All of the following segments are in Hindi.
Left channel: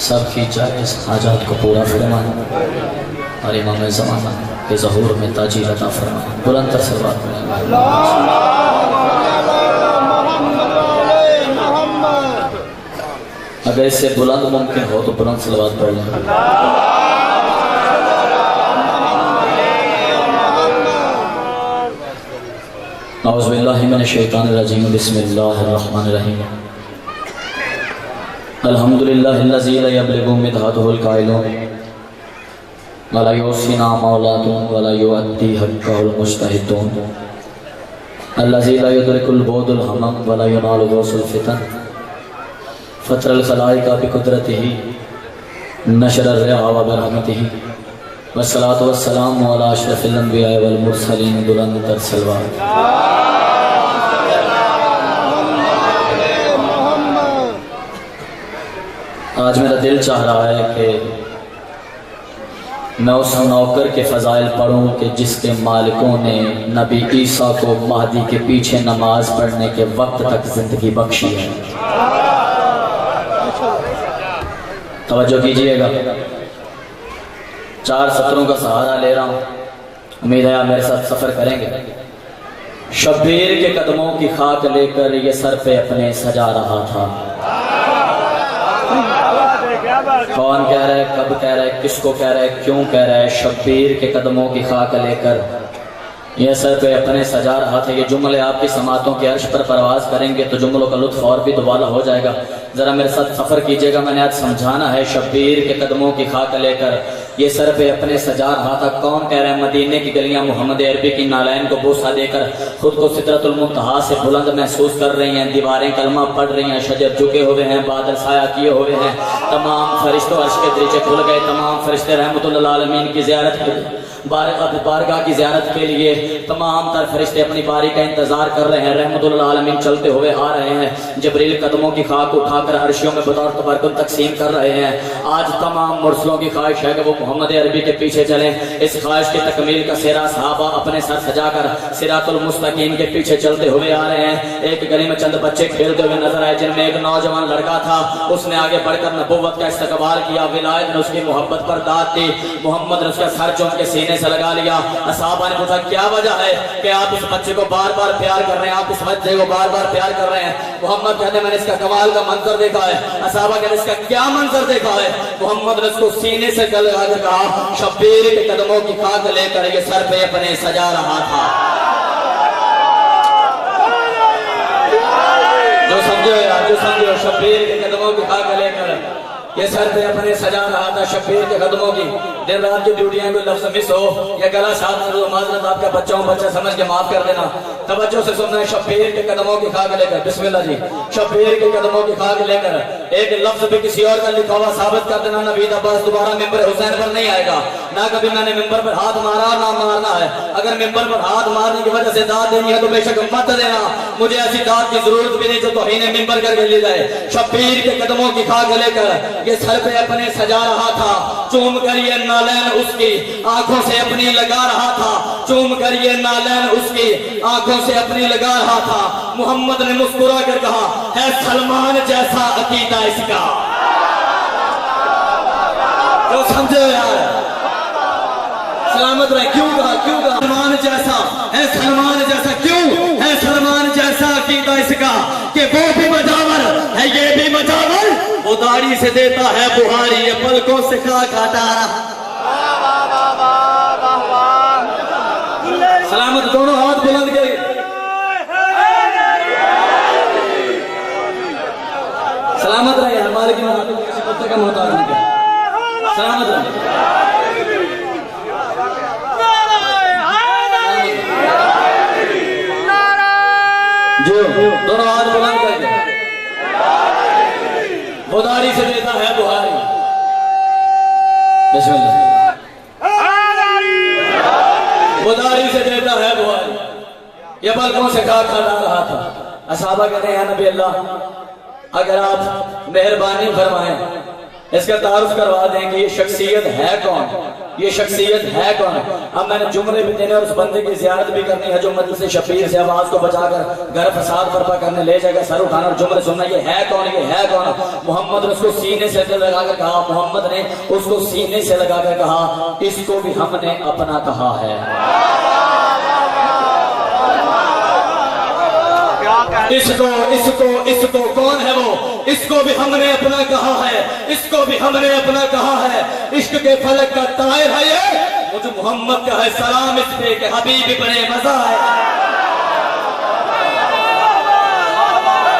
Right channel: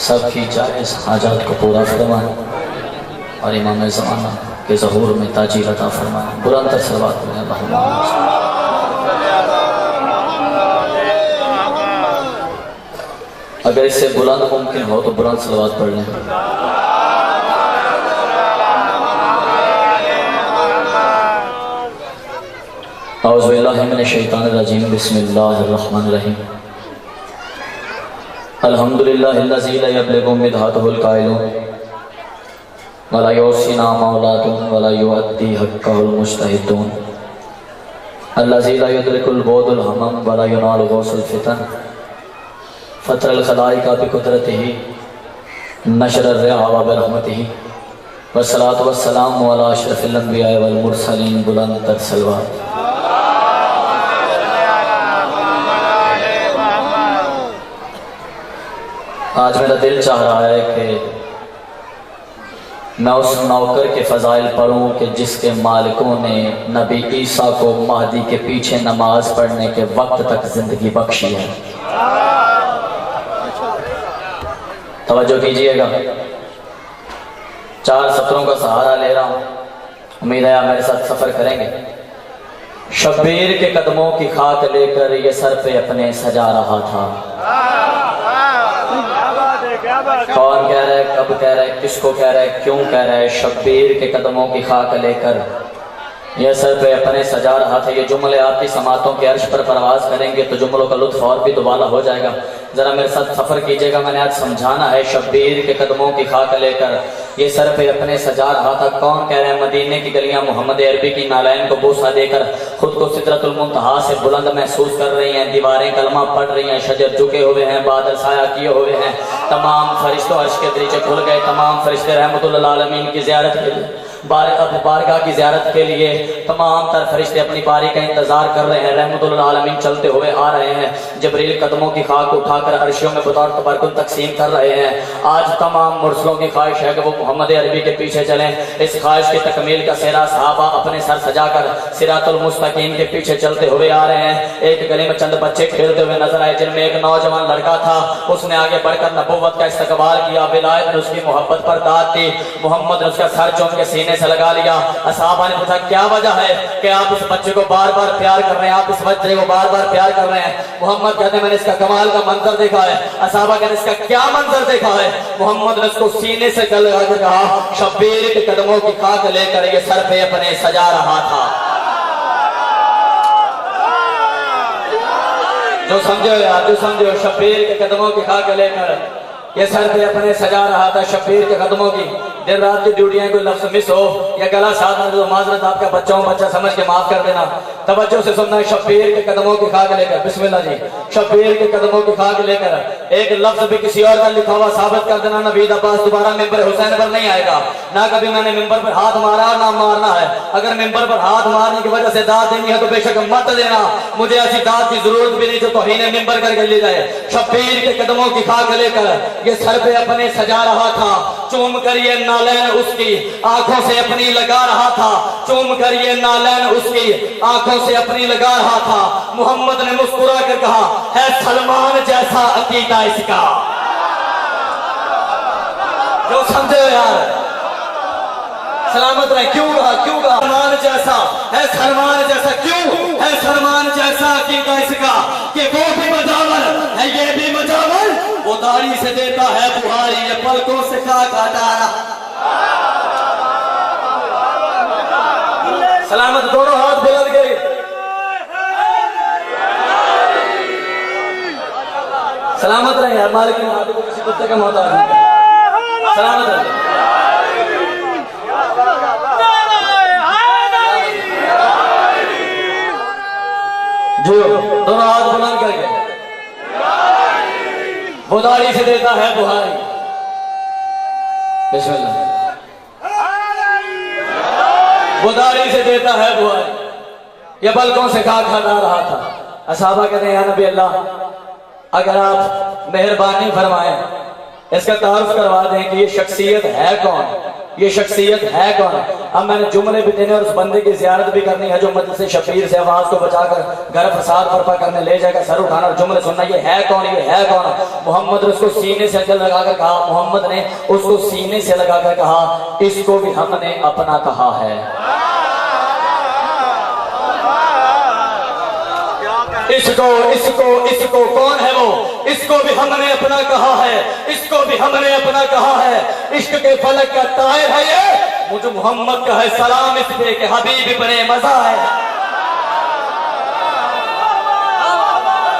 सबकी जायज़ हाजात को पूरा फरमाए और इमाम ज़माना के ज़हूर में ताजी अता फरमाए। बुलंद सलवात में अगर इससे बुलंद मुमकिन हो तो बुलंद सलवात पढ़ लें। औज़ु बिल्लाहि मिनश शैतानिर रजीम, बिस्मिल्लाहिर रहमानिर रहीम। अल्हम्दुलिल्लाहिल्लज़ी ला यब्लुगु मिदहातुहुल काइलून वला युहसिना मौलादुन वला युअद्दी हक़्क़हुल मुज्तहिदून अल्लज़ी ला युदरिकुल बुअदुल हमम वला युनालु गौसुल फितन फ़तरल ख़लाइक़ा बिक़ुदरतिही नशरर रिहा व बिरहमतिही वस्सलातु वस्सलामु अला अशरफिल अंबिया वल मुरसलीन। बुलंद तर सलवात। आज मेरा दिल चाह रहा है कि मैं उस नौकर के फ़ज़ाइल पढ़ूँ कि जिसके मालिकों ने नबी ईसा को महदी के पीछे नमाज पढ़ने के वक्त तक ज़िंदगी बख्शी है। तवज्जो कीजिएगा, 4 सत्रों का सहारा ले रहा हूँ, उम्मीद है आप मेरे साथ सफ़र करेंगे। शब्बीर के कदमों की खाक लेकर ये सर पे अपने सजा रहा था। कौन कह रहा है, कब कह रहा है, किसको कह रहा है, क्यों कह रहा है? शब्बीर के कदमों की खाक लेकर यह सर पे अपने सजा रहा था। ये जुमले आपकी समातों के अर्श पर परवाज करेंगे तो जुमलों का लुत्फ और भी दुबाला हो जाएगा। ज़रा मेरे साथ सफ़र कीजिएगा, मैंने आज समझाना है। शब्बीर के कदमों की खाक लेकर ये सर पे अपने सजा रहा था। कौन कह रहा है? मदीने की गलियां मोहम्मद अरबी की नालैन को बोसा देकर खुद को सिदरतुल मुंतहा से बुलंद महसूस कर रही हैं। दीवारें कलमा पढ़ रही हैं, शजर झुके हुए हैं, बादल साया किए हुए हैं। तमाम फरिश्तों अर्श के दरीचे खुल गए। तमाम फरिश्ते रहमतुल आलमीन की ज़ियारत के लिए बारगाह की ज़ियारत के लिए तमाम तर फरिश्ते अपनी बारी का इंतज़ार कर रहे हैं। रहमतुल आलमीन चलते हुए आ रहे हैं। जबरील कदमों की खाक उठाकर अर्शियों में बतौर तबरकुन तकसीम कर रहे हैं। आज तमाम मुरसलों की ख्वाहिश है कि वो मोहम्मद अरबी के पीछे चलें। इस ख्वाहिश की तकमील का सेरा सहाबा अपने सर सजाकर सिरातुल मुस्तकीम के पीछे चलते हुए आ रहे हैं। एक गली में चंद बच्चे खेलते हुए नजर आए, जिनमें एक नौजवान लड़का था। उसने आगे बढ़कर नबुव्वत का इस्तकबाल किया। विलायत ने उसकी मोहब्बत पर दाद दी। मोहम्मद ने उसका सर चूम के सीने से लगा लिया। असहाबा ने पूछा, क्या वजह है कि आप इस बच्चे को बार बार प्यार कर रहे हैं, आप इस बच्चे को बार बार प्यार कर रहे हैं? मोहम्मद कहते हैं, मैंने इसका कमाल का मंजर देखा है। असहाबा कहते हैं, इसका क्या मंजर देखा है? मोहम्मद ने उसको सीने से लगा कर कहा, शब्बीर के कदमों की खाक लेकर ये सर पे अपने सजा रहा था। जो समझो यार, जो समझो, शब्बीर के कदमों की खाक लेकर ये सर पे अपने सजा रहा था। शब्बीर के कदमों की दिन रात की ड्यूटी है। कोई लफ्ज मिस हो या गला साथ में तो माजरत आपका बच्चा समझ के माफ कर देना। तवज्जो से सुनना है। शब्बीर के कदमों की खाक लेकर, बिस्मिल्लाह जी, शब्बीर के कदमों की खाक लेकर एक लफ्ज भी किसी और का लिखा हुआ साबित कर देना। नवीद अब्बास दोबारा मिंबर हुसैन पर नहीं आएगा। ना कभी मैंने मिंबर पर हाथ मारा, ना मारना है। अगर मिंबर पर हाथ मारने की वजह से दाद देनी है तो बेशक मत देना। मुझे ऐसी दाद की जरूरत भी नहीं जो तौहीन मिंबर करके ले जाए। शब्बीर के कदमों की खाक लेकर ये सर पे अपने सजा रहा था। चूम कर ये नालैन उसकी आंखों से अपनी लगा रहा था। चूम कर ये नालैन उसकी आंखों से अपनी लगा रहा था। मोहम्मद ने मुस्कुरा कर कहा, है सलमान जैसा अकीदा इसका। तो समझे यार, सलामत रहे। क्यों कहा, क्यों कहा? सलमान जैसा है, सलमान जैसा। क्यों है सलमान जैसा अकीदा इसका कि वो भी मजावर है, ये भी मजावर। वो दाढ़ी से देता है बुहारी, ये पलकों से खाक हटा रहा। सलामत, दोनों हाथ बुलंद करें। सलामत रहे यार, मालिक ने आपको किसी कुत्ते का मोहताज नहीं किया। सलामत रहे। जो दोनों हाथ बुलंद करेंगे। वो दाढ़ी से देता है बुहारी। बिस्मिल्लाह। वो दाढ़ी से देता है बुहारी, ये पलकों से खाक हटा रहा था। असहाबा कहते हैं, नबी अल्लाह, अगर आप मेहरबानी फरमाएं, इसका तारुफ करवा दें कि ये शख्सियत है कौन, ये शख्सियत है कौन? अब मैंने जुमले भी देने और उस बंदे की जियारत भी करनी है जो मजलिस शबीर से आवाज को बचाकर घर फसाद बर्पा करने ले जाएगा, सर उठाना और जुमले सुनना। ये है कौन? ये है कौन? मोहम्मद ने उसको सीने से अंदर लगाकर कहा, मोहम्मद ने उसको सीने से लगाकर कहा, इसको भी हमने अपना कहा है। इसको इसको इसको कौन है वो? इसको भी हमने अपना कहा है, इसको भी हमने अपना कहा है। इश्क के फलक का तायर है ये, मुझे मोहम्मद का है सलाम इस पे के हबीब बने मजा है।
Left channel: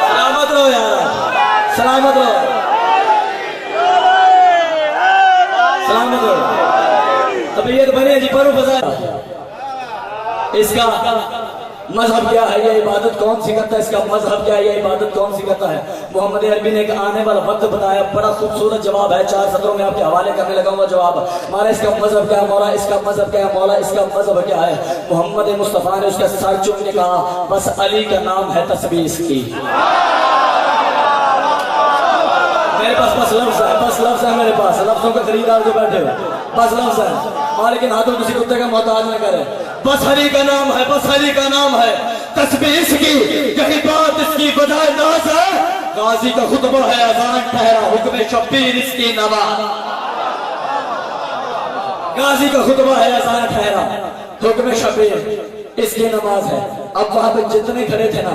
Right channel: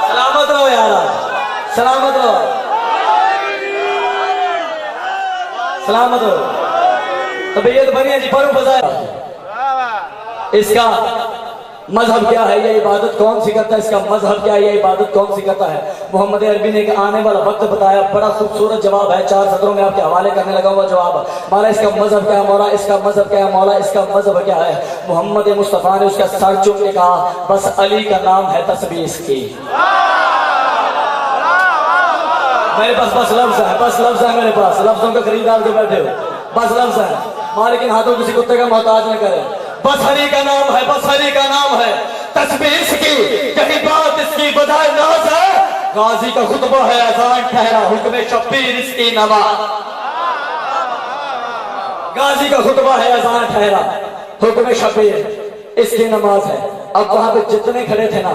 सलामत रहो यार, सलामत रहो, सलामत रहो। तबीयत बनी जी, परो बजा। इसका मजहब क्या है, ये इबादत कौन सी करता है? इसका मजहब क्या है, ये इबादत कौन सी करता है? मोहम्मद अरबी ने आने वाला वक्त बताया, बड़ा खूबसूरत जवाब है, 4 सदरों में आपके हवाले करने लगा हुआ जवाब। मौला इसका मजहब क्या है, मौला इसका मजहब क्या है, मौला इसका मजहब क्या है? मोहम्मद मुस्तफा ने उसका सर चूम के कहा, बस अली का नाम है तस्बीह इसकी। मेरे पास बस लफ्ज है, बस लफ्ज है मेरे पास, लफ्जों का खरीदार जो बैठे हो, बस लफ्ज है। लेकिन हाथों किसी कुत्ते का मोहताज न करे। बस हरी का नाम है, बस हरी का नाम है, तस्बीह इसकी, यही बात इसकी बजाय नाज है। गाजी का खुतबा है, अजान ठहरा, हुक्म शब्बीर इसकी नवाज। गाजी का खुतबा है, अजान ठहरा, हुक्म शब्बीर इसकी नमाज है। अब वहां पे जितने खड़े थे ना,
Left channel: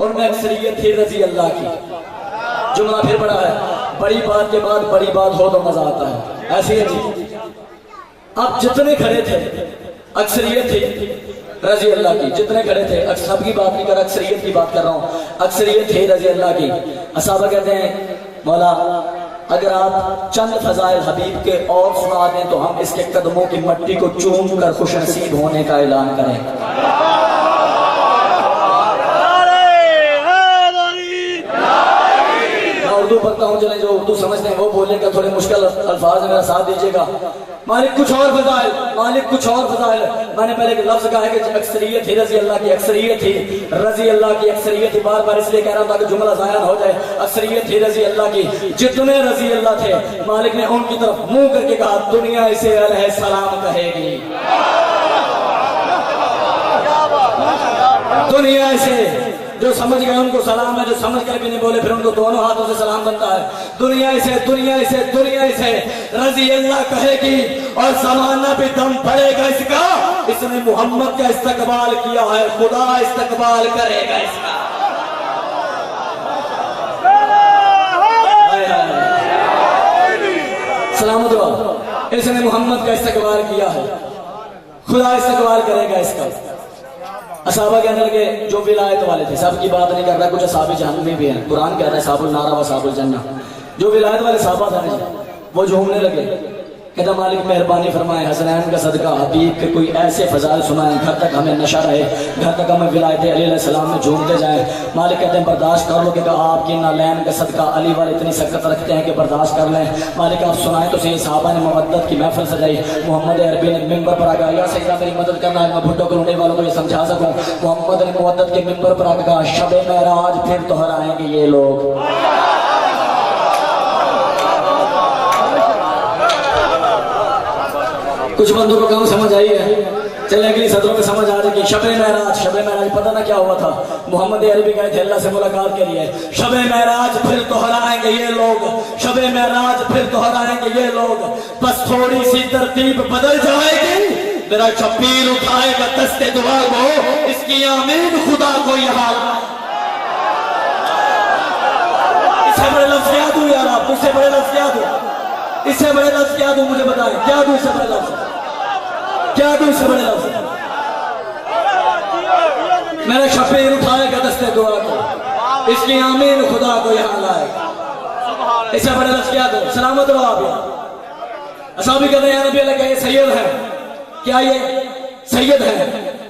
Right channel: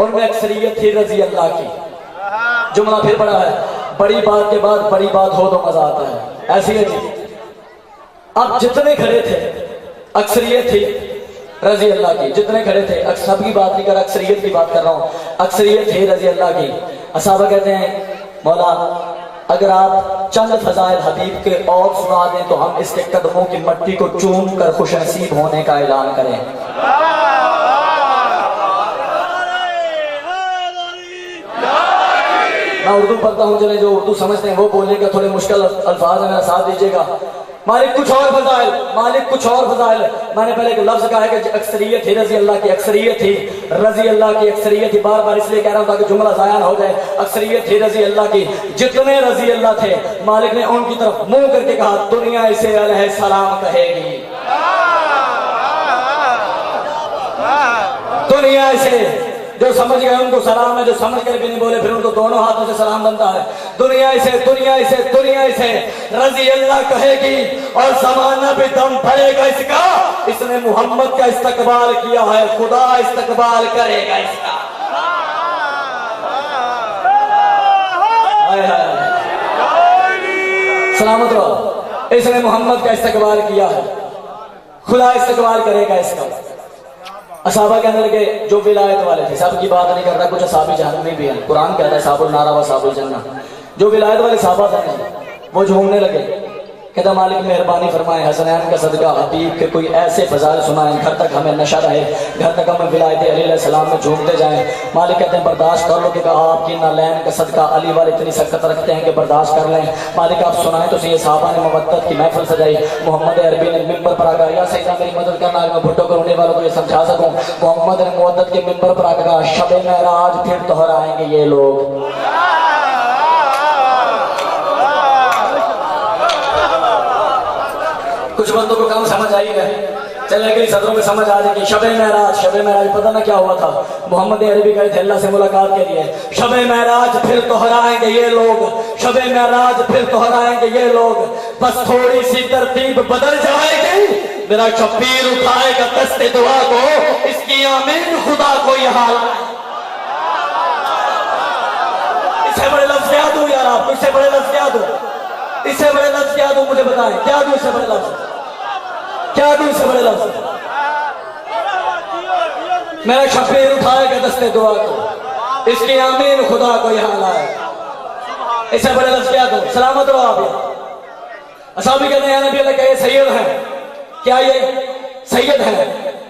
उनमें अक्सरियत थी रजी अल्लाह की। जुमला फिर बड़ा है, बड़ी बात के बाद बड़ी बात हो तो मजा आता है, ऐसी है जी। अब जितने खड़े थे अक्सरियत थी रजी अल्लाह की, जितने खड़े थे, सब की बात नहीं कर, अक्सरियत की बात कर रहा हूँ, अक्सरियत थी रजी अल्लाह की। असहाबा कहते हैं, मौला अगर आप चंद फजाइल हबीब के और सुना दें तो हम इसके कदमों की मट्टी को चूम कर खुश नसीब होने का ऐलान करें। मैं उर्दू पढ़ता हूँ, चले जो उर्दू समझते हैं वो बोलेंगे, थोड़े मुश्किल अल्फाज है, मेरा साथ दीजिएगा। मालिक कुछ और फजाइल, मालिक कुछ और फजाइल। मैंने पहले एक लफ्ज कहा है कि अक्सरियत थी रजी अल्लाह की, अक्सरियत थी रजी अल्लाह की, अक्सरियत थी। बार बार इसलिए कह रहा था कि जुमला ज़ाया ना हो जाए। अक्सरियत थी रजी अल्लाह की, जितने रजी अल्लाह थे, मालिक ने उनकी तरफ मुंह करके कहा, दुनिया इसे अलैहि सलाम कहेगी, दुनिया इसे, जो समझ गए उनको सलाम है, जो समझ कर भी नहीं बोले फिर उनको दोनों हाथों से सलाम बनता है। दुनिया इसे, दुनिया इसे, दुनिया इसे रजी अल्लाह कहेगी और ज़माना भी दम पड़ेगा इसका। इसने मोहम्मद का इस्तकबाल किया है, खुदा इस्तकबाल करेगा इसका। सलामत रहो, इसने मोहम्मद का इस्तकबाल किया है, खुदा इस्तकबाल करेगा इसका। असहाबा कहने लगे, जो विलायत वाले थे, सबकी बात नहीं कर रहा, कुछ असहाबे जहन्नमी भी हैं, कुरान कहता है साबुल नारा व साबुल जन्नह। जो विलायत वाले सहाबा थे वो झूमने लगे, कहता मालिक मेहरबानी फरमाए, हसनैन का सदका हबीब के कोई ऐसे फजाइल सुनाएं, घर तक हमें नशा रहे, घर तक हमें विलायत अली अलैहिस्सलाम में झूमते जाएं। मालिक कहते हैं बर्दाश्त कर लो, कि आपकी नालैन का सदका अली वाले इतनी सख्त रखते हैं कि बर्दाश्त कर लें। मालिक आप सुनाएं तो सही। साहबा ने मवद्दत की महफिल सजाई, मोहम्मद अरबी ने मिंबर पर आकर, या सैयदा मेरी मदद करना है, मैं भुट्टो को रोने वालों को ये समझा सकूं। मोहम्मद ने मवद्दत के मिंबर पर आकर कहा, शब महराज फिर दोहराएंगे ये लोग। कुछ बंदों को कम समझ आई है, चले अगली सदरों में समझ आ जाएगी। शब महराज, शब महराज पता ना क्या हुआ था, मोहम्मद अरबी गए थे अल्लाह से मुलाकात के लिए। शब महराज फिर दोहराएंगे ये लोग, शब महराज फिर दोहराएंगे ये लोग, बस थोड़ी सी तरतीब बदल जाएगी, मेरा शब्बीर उठाएगा दस्ते दुआ को, इसकी आमीन खुदा को यहाँ। इससे बड़े लफ्ज क्या दूं यार आप, इससे बड़े लफ्ज क्या दूं, इससे बड़े लफ्ज क्या दूं, मुझे बताएं क्या दूं, इससे बड़े लफ्ज क्या दूं, इससे बड़े लफ्ज। मेरा शब्बीर उठाएगा दस्ते दुआ को, इसकी आमीन खुदा को यहाँ लाए। इससे बड़े लफ्ज क्या दूं, सलामत रहो आप। असहाबी कहते हैं नबी अल्लाह का ये सैयद है, क्या ये सैयद है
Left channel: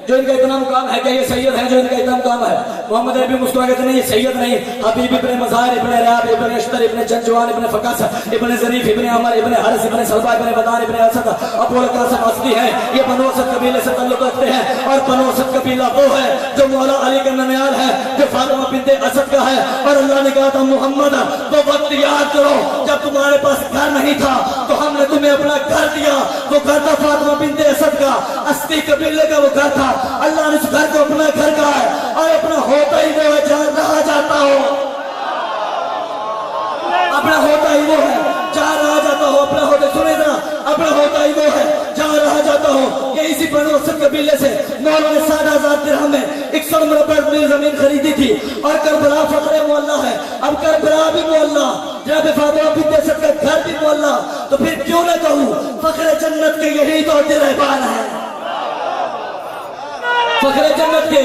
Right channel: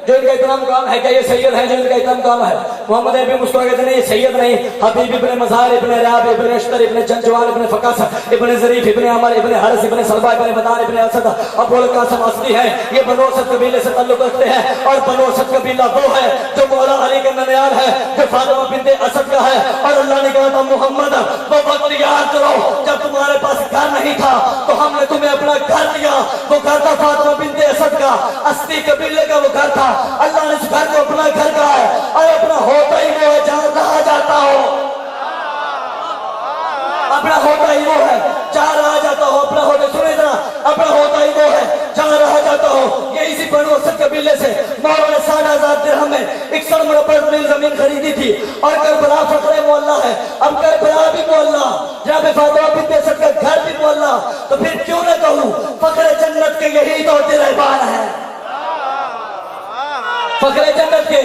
जो इनका इतना मुकाम है, क्या ये सैयद है जो इनका इतना मुकाम है? मोहम्मद अरबी मुस्कुरा कहते हैं ये सैयद नहीं, हबीब इब्ने मज़ार इब्ने रयाब इब्ने अश्तर इब्ने जंजवाल इब्ने फकास इब्ने ज़रीफ इब्ने अमर इब्ने हरस इब्ने सलबा इब्ने बदान इब्ने असद अबुल कासिम असदी है। ये बनो असद कबीले से ताल्लुक रखते हैं, और बनो असद कबीला वो है जो मौला अली का ननियाल है, जो फातिमा बिन्ते असद का है। और अल्लाह ने कहा था मोहम्मद वो वक्त याद करो जब तुम्हारे पास घर नहीं था तो हमने तुम्हें अपना घर दिया, वो घर था फातिमा बिन्ते असद का, अस्ती कबीले का वो घर था। अल्लाह ने उस घर को अपना घर कहा है और अपना होता ही वो है जहां रहा जाता हो, अपना होता ही वो है जहां रहा जाता हो, अपना होता, सुने ना, अपना होता ही वो है जहां रहा जाता हो। ये इसी बनु असद कबीले से मौला ने 60,000 दिरहम में 61 मुरब्बा जमीन खरीदी थी। और करबला फखरे मोहल्ला है, अब करबला भी मोहल्ला, जहाँ पे फातिमा बिन्ते असद का घर भी मोहल्ला, तो फिर क्यों न कहूं फखरे जन्नत के यही तो दिलबार है, फखरे जन्नत के,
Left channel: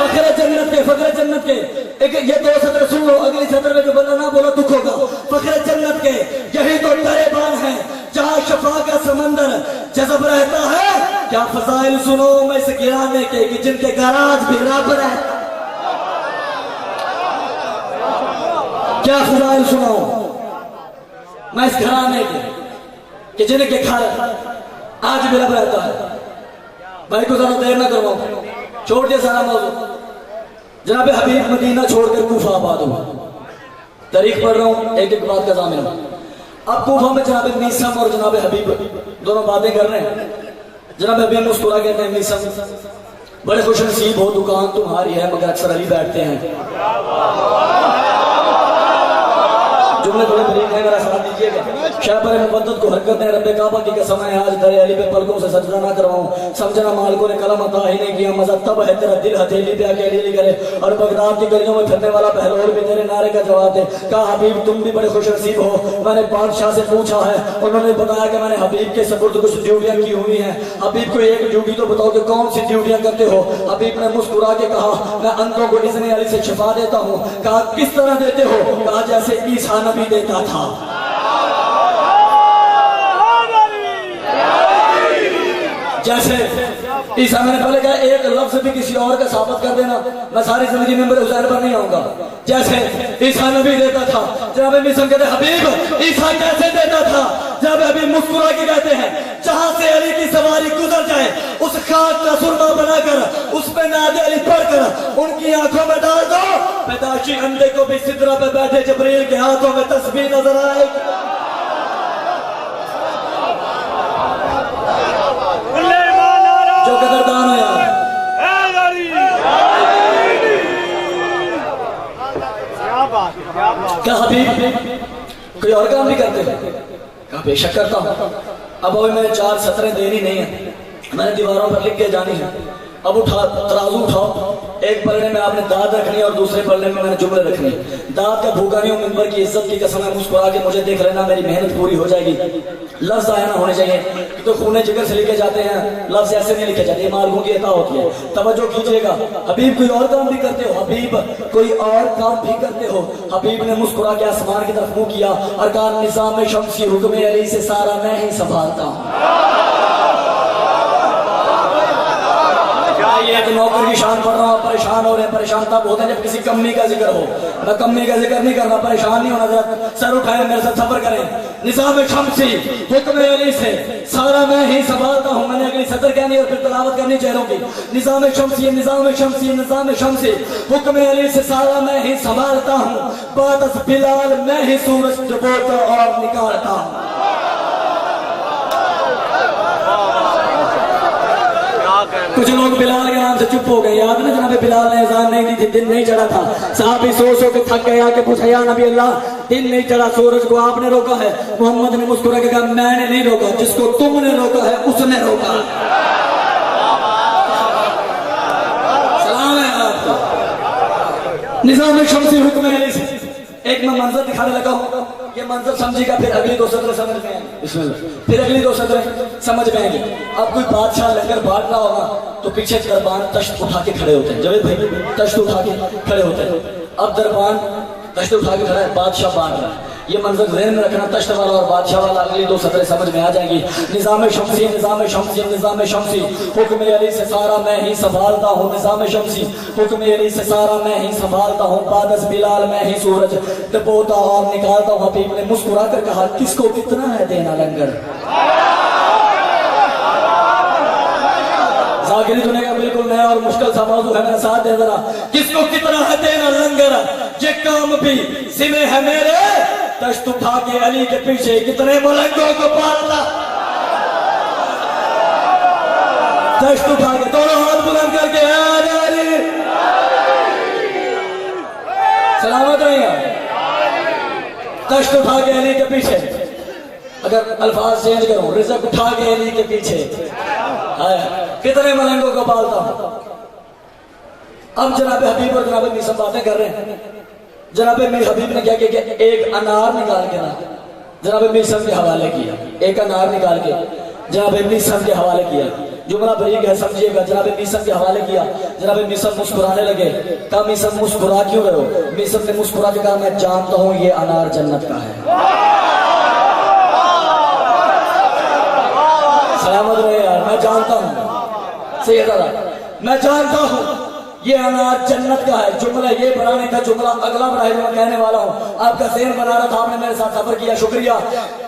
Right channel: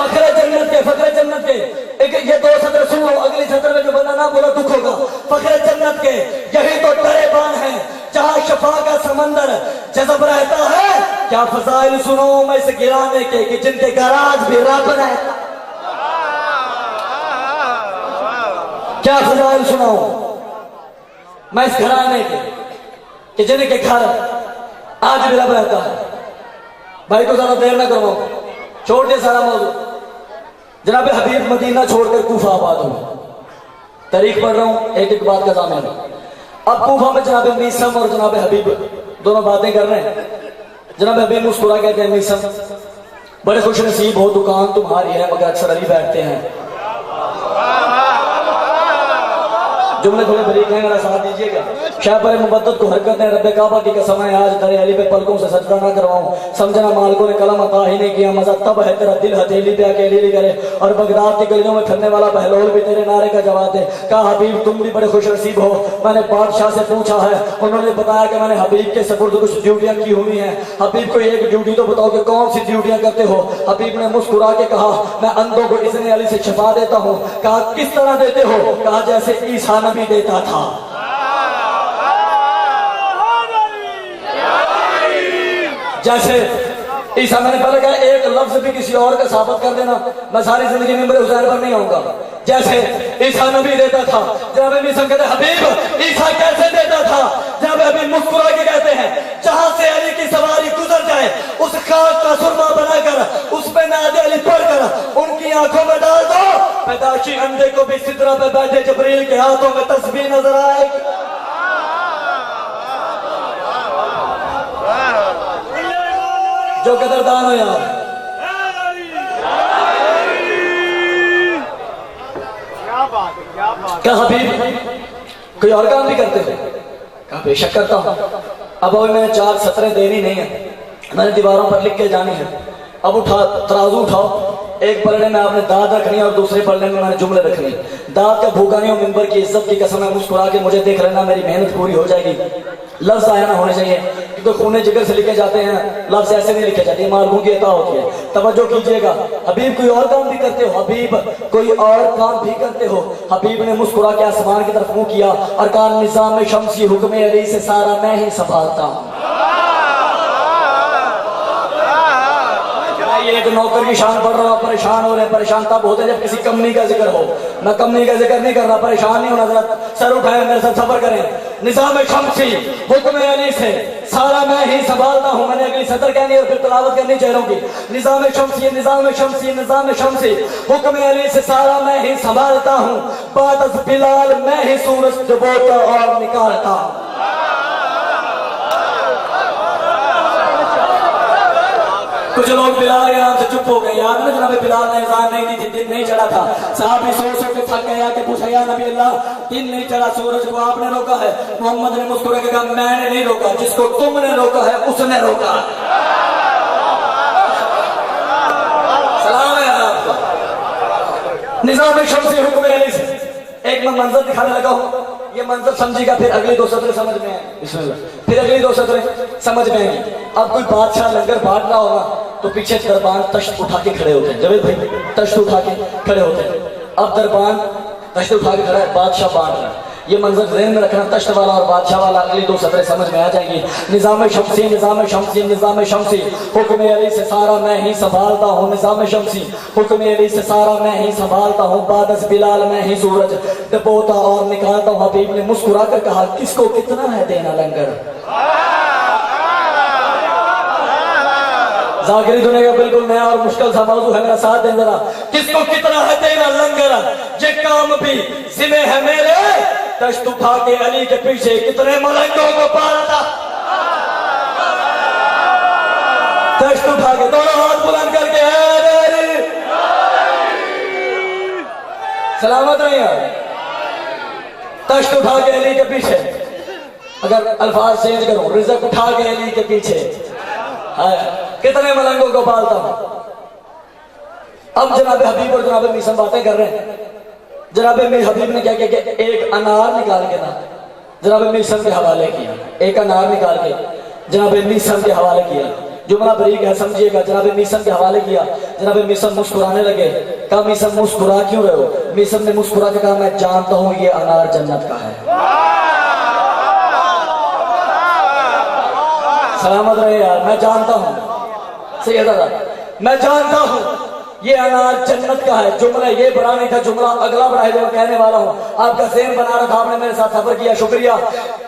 फखरे जन्नत के, फखरे जन्नत के। एक ये 2 सत्र सुन लो, अगली सत्र में जो बोला ना बोला दुख होगा। फखरे जन्नत के यही तो दरेबान है जहाँ शफा का समंदर जज़ब रहता है। क्या फजाइल सुनो मैं इस गिराने के कि जिनके गराज भी रब रहता, क्या फजाइल सुनाओ मैं इस घराने के कि जिनके घर आज भी रब रहता है। भाई को ज्यादा देर ना करो, छोड़ दे सारा मौजूद। जनाब हबीब मदीना छोड़कर कूफा आबाद हुआ। तारीख पढ़ रहा हूँ, एक एक बात का जामिन। अब कूफा में जनाब मीसम और जनाब हबीब दोनों बातें कर रहे हैं। जनाब हबीब मुस्कुरा कहते हैं मीसम बड़े खुश नसीब हो, दुकान तुम्हारी है मगर अक्सर अली बैठते हैं। जुमले थोड़े बरीक हैं, मेरा साथ दीजिएगा। शाहबर मुबद्दत को हरकत है, रब्बे काबा की कसम है आज दरे अली पे पलकों से सजदा ना करवाऊं। समझना मालिकों ने कलम अता ही नहीं किया, मजा तब है तेरा दिल हथेली पे आके अली करे और बगदाद की गलियों में फिरने वाला बहलोल भी तेरे नारे का जवाब दे। कहा हबीब तुम भी बड़े खुश नसीब हो। मैंने बादशाह से पूछा है, उन्होंने बताया कि मैंने हबीब के सपुर्द कुछ ड्यूटियां की हुई हैं। हबीब को एक ड्यूटी तो बताओ कि कौन सी ड्यूटियां करते हो। हबीब ने मुस्कुरा के कहा मैं अंधों को इज़्न अली से शिफा देता हूँ। कहा किस तरह देते हो। कहा जैसे ईसा नबी देता था। जैसे ईसा, मैंने पहले कहा एक लफ्ज भी किसी और का साबित कर देना मैं सारी जिंदगी में मेरे हुसैन पर नहीं आऊंगा। जैसे ईसा नबी देता था। जब मीसम कहते हबीब ईसा कैसे देता था। जब हबीब मुस्कुरा के कहते हैं जहां से अली की सवारी गुजर जाए उस खाक का सुरमा बनाकर उस पे नादे अली पढ़कर उनकी आंखों में डाल दो। पैदाशी अंडे को भी सिदरा पे बैठे जबरील के हाथों में तस्बीह नजर आएगी। जो कदरदान हो यार, क्या हबीब कोई और काम भी करते हैं। कहा बेशक करता हूँ। अब मैंने 4 सत्रें देनी नहीं है, मैंने दीवारों पर लिख के जानी है। अब उठा तराजू उठाओ, एक पलड़े में आपने दाद रखनी और दूसरे पलड़े में मैंने जुमले रखनी। दाद का भूखा नहीं हो, मिंबर की इज्जत की कसम है, मुस्कुरा के मुझे देख लेना, मेरी मेहनत पूरी हो जाएगी। लफ्ज आया ना होने चाहिए क्योंकि खूने जिगर से लिखे जाते हैं, लफ्ज ऐसे नहीं लिखे जाते, मालूम की अता होती है। तवज्जो कीजिएगा। हबीब कोई और काम भी करते हो। हबीब कोई और काम भी करते हो। हबीब ने मुस्कुरा के आसमान की तरफ मुंह किया और कहा निज़ाम शम्सी हुक्म अली से सारा मैं ही संभालता हूँ। नौकर की शान पढ़ रहा हूँ, परेशान हो रहे हैं। परेशान तब होते हैं जब किसी कमी का जिक्र हो। मैं कमी का जिक्र नहीं कर रहा, परेशान नहीं होना। जरा सर उठाए मेरे साथ सफर करें। निज़ाम शम्सी हुक्म अली से सारा मैं ही संभालता हूँ। मैंने अगली सतर कहनी और फिर तलावत करनी चेहरों की। निज़ाम शम्सी निज़ाम शम्सी निज़ाम शम्सी हुक्म अली से सारा मैं ही संभालता हूँ। बाद बिलाल मैं ही सूरज डुबोता और निकालता हूँ। कुछ लोग बिलाल के नाम से चुप हो गए। याद ना जनाब बिलाल ने अज़ान नहीं दी थी, दिन नहीं चढ़ा था। साहबी सो के थक गया कि पूछा या नबी अल्लाह दिन नहीं चढ़ा, सूरज को आपने रोका है। मोहम्मद ने मुस्कुरा के कहा मैंने नहीं रोका, जिसको तुमने रोका है उसने रोका। सलाम है आपको। निज़ाम शम्सी हुक्म अली से एक मैं मंजर दिखाने लगा हूँ। ये मंजर समझिएगा, फिर अगली 2 सत्र समझ में आएंगे। फिर अगली 2 सत्र समझ में आएंगे। अब कोई बादशाह लंगर बांटना होगा तो पीछे दरबान तश्त उठा के खड़े होते हैं। जवेद भाई तश्त उठा के खड़े होते हैं। अब दरबान तश्त उठा के खड़ा है, बादशाह बांट रहा है। ये मंजर ज़हन में रखना, तश्त वाला और बादशाह वाला अगली 2 सत्र समझ में आ जाएंगी। निज़ाम शम्सी निज़ाम शम्सी निज़ाम शम्सी हुक्म अली से सारा मैं ही संभालता हूँ। निज़ाम शम्सी हुक्म अली से सारा मैं ही संभालता हूँ। बादस बिलाल मैं ही सूरज डुबोता और निकालता हूँ। हबीब ने मुस्कुरा कर कहा किसको कितना है देना लंगर। जाकिरी दुनिया का बिल्कुल नया और मुश्किल सा मौजू है, मेरा साथ दे जरा। किसको कितना है देना लंगर, ये काम भी जिम्मे है मेरे। तश्त उठा के अली के पीछे कितने मलंगों को पाला। अगर अल्फाज चेंज करूं, रिज़्क़ उठा के अली के पीछे, कितने मलंगों को पालता हूं। अब जनाब हबीब और जनाब मीसम बातें कर रहे हैं। जनाब हबीब ने क्या किया कि एक अनार निकाल के ना जनाब मीसम के हवाले किया, एक अनार निकाल के जनाब मीसम के हवाले किया। जुमला बरीक है, समझिएगा। जनाब मीसम के हवाले किया, जनाब मीसम मुस्कुराने लगे। कहा मीसम मुस्कुरा क्यों रहे हो? मीसम ने मुस्कुरा के कहा मैं जानता हूं ये अनार जन्नत का है। सलामत रहे यार, मैं जानता हूं, सही है दादा, मैं जानता हूं ये अनार जन्नत का है। जुमला ये बनाने का जुमला अगला बड़ा है जो मैं कहने वाला हूँ। आपका ज़हन बना रहा था, आपने मेरे साथ सफर किया, शुक्रिया।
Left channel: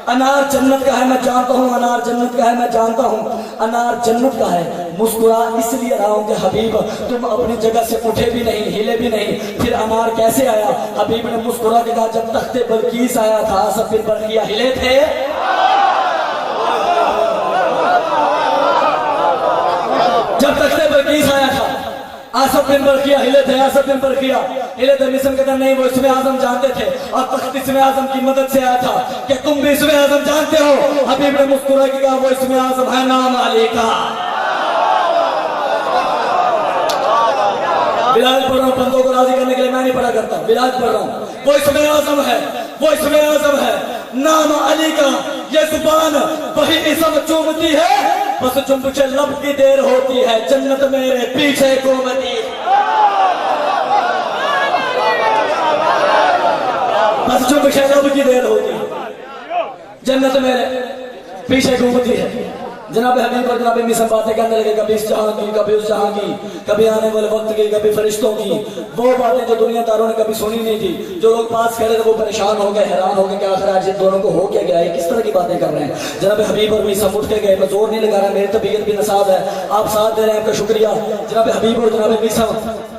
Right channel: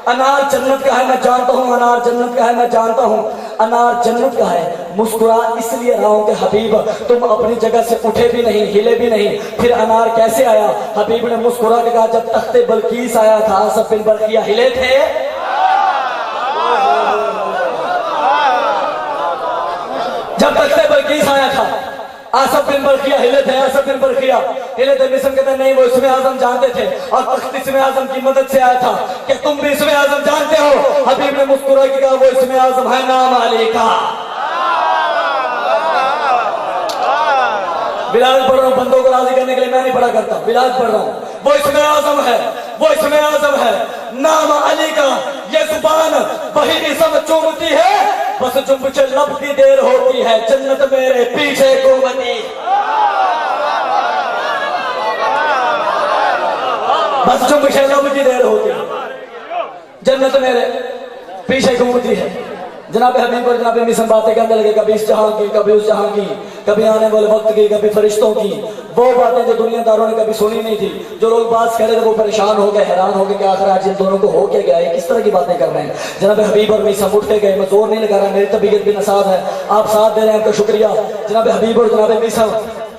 अनार जन्नत का है, मैं जानता हूँ अनार जन्नत का है, मैं जानता हूँ अनार जन्नत का है। मुस्कुरा इसलिए रहा हूँ कि हबीब तुम अपनी जगह से उठे भी नहीं, हिले भी नहीं, फिर अनार कैसे आया? हबीब ने मुस्कुरा के कहा जब तख्ते बल्कीस आया था सब बिन बल्किया हिले थे। जब तख्ते बल्कीस आया था आसफ बिन बल्किया हिले थे, आसफ बिन बल्किया हिले थे। मिस्र कहते नहीं, वो इसमें आजम जानते थे और तख्त इसमें आजम की मदद से आया था। क्या तुम भी इसमें आजम जानते हो? हबीब ने मुस्कुरा के कहा वो इसमें आजम है नाम अली का। बिलाल पढ़ रहा हूँ, बंदों को राजी करने के लिए मैं नहीं पढ़ा करता, बिलाल पढ़ रहा हूँ। वो इसमें आजम है, वो इसमें आजम है नाम अली का। ये जुबान वही इसम चूमती है, बस जुम्ब लब की देर होती है, जन्नत मेरे पीछे घूमती। बस जुम्ब लब की देर होती है, जन्नत मेरे पीछे घूमती है। जनाब हबीब और जनाब मिसम बातें करने लगे, कभी इस जहां की, कभी उस जहां की, कभी आने वाले वक्त की, कभी फरिश्तों की। वो बातें जो दुनियादारों ने कभी सुनी नहीं थी। जो लोग बात कह रहे थे वो परेशान हो गए, हैरान हो गए कि आखिर आज इन दोनों को हो क्या गया है, किस तरह की बातें कर रहे हैं। जनाब हबीब और मिसम उठ के गए। मैं जोर नहीं लगा रहा, मेरी तबीयत भी नसाब है, आप साथ दे रहे हैं, आपका शुक्रिया। जनाब हबीब और जनाब मिसम,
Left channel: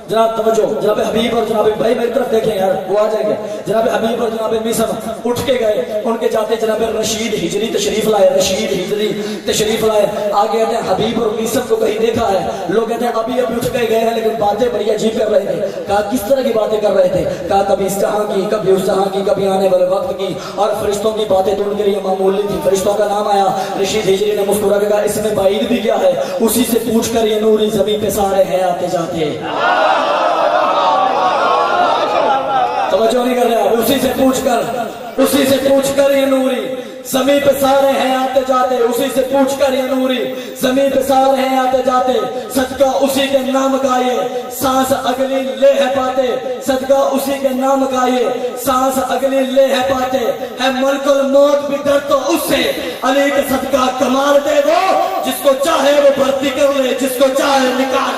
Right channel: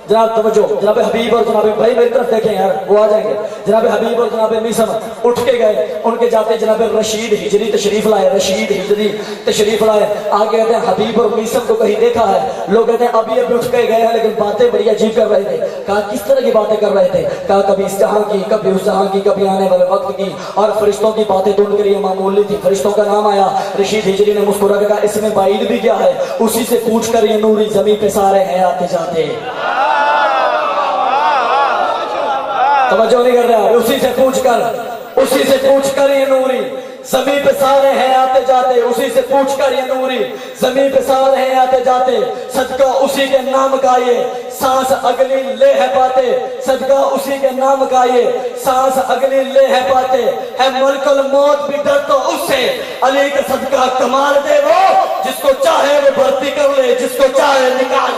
जनाब तवज्जो, जनाब हबीब और जनाब भाई मेरी तरफ देखें यार, वो आ जाएंगे। जनाब हबीब और जनाब मिसम उठ के गए। उनके जाते जनाब रशीद हिजरी तशरीफ लाए, रशीद हिजरी तशरीफ लाए। आगे कहते हैं हबीब और मिसम को कहीं देखा है? लोग कहते हैं अभी अभी उठ के गए हैं, लेकिन बातें बड़ी अजीब कर रहे थे। कहा किस तरह की बातें कर रहे थे? कहा कभी इस जहां की, कभी उस जहां की, कभी आने वाले वक्त की, और फरिश्तों की बातें तो उनके लिए मामूली थी। फरिश्तों का नाम आया, रशीद हिजरी ने मुस्कुरा के कहा इसमें बाईद भी क्या है? उसी से पूछ कर ये नूरी जमीन पे सारे हैं आते जाते। तवज्जो नहीं कर रहा, उसी से पूछकर ये नूरी जमीन पे सारे हैं आते जाते, उसी से पूछकर ये नूरी जमीन पे सारे हैं आते जाते। सदका उसी के नाम का ये सांस अगली ले है पाते, सदका उसी के नाम का ये सांस अगली ले है पाते। है मलकुल मौत भी डर तो उससे, अली का सदका कमाल दे वो, जिसको चाहे वो भर्ती कर ले, जिसको चाहे निकाल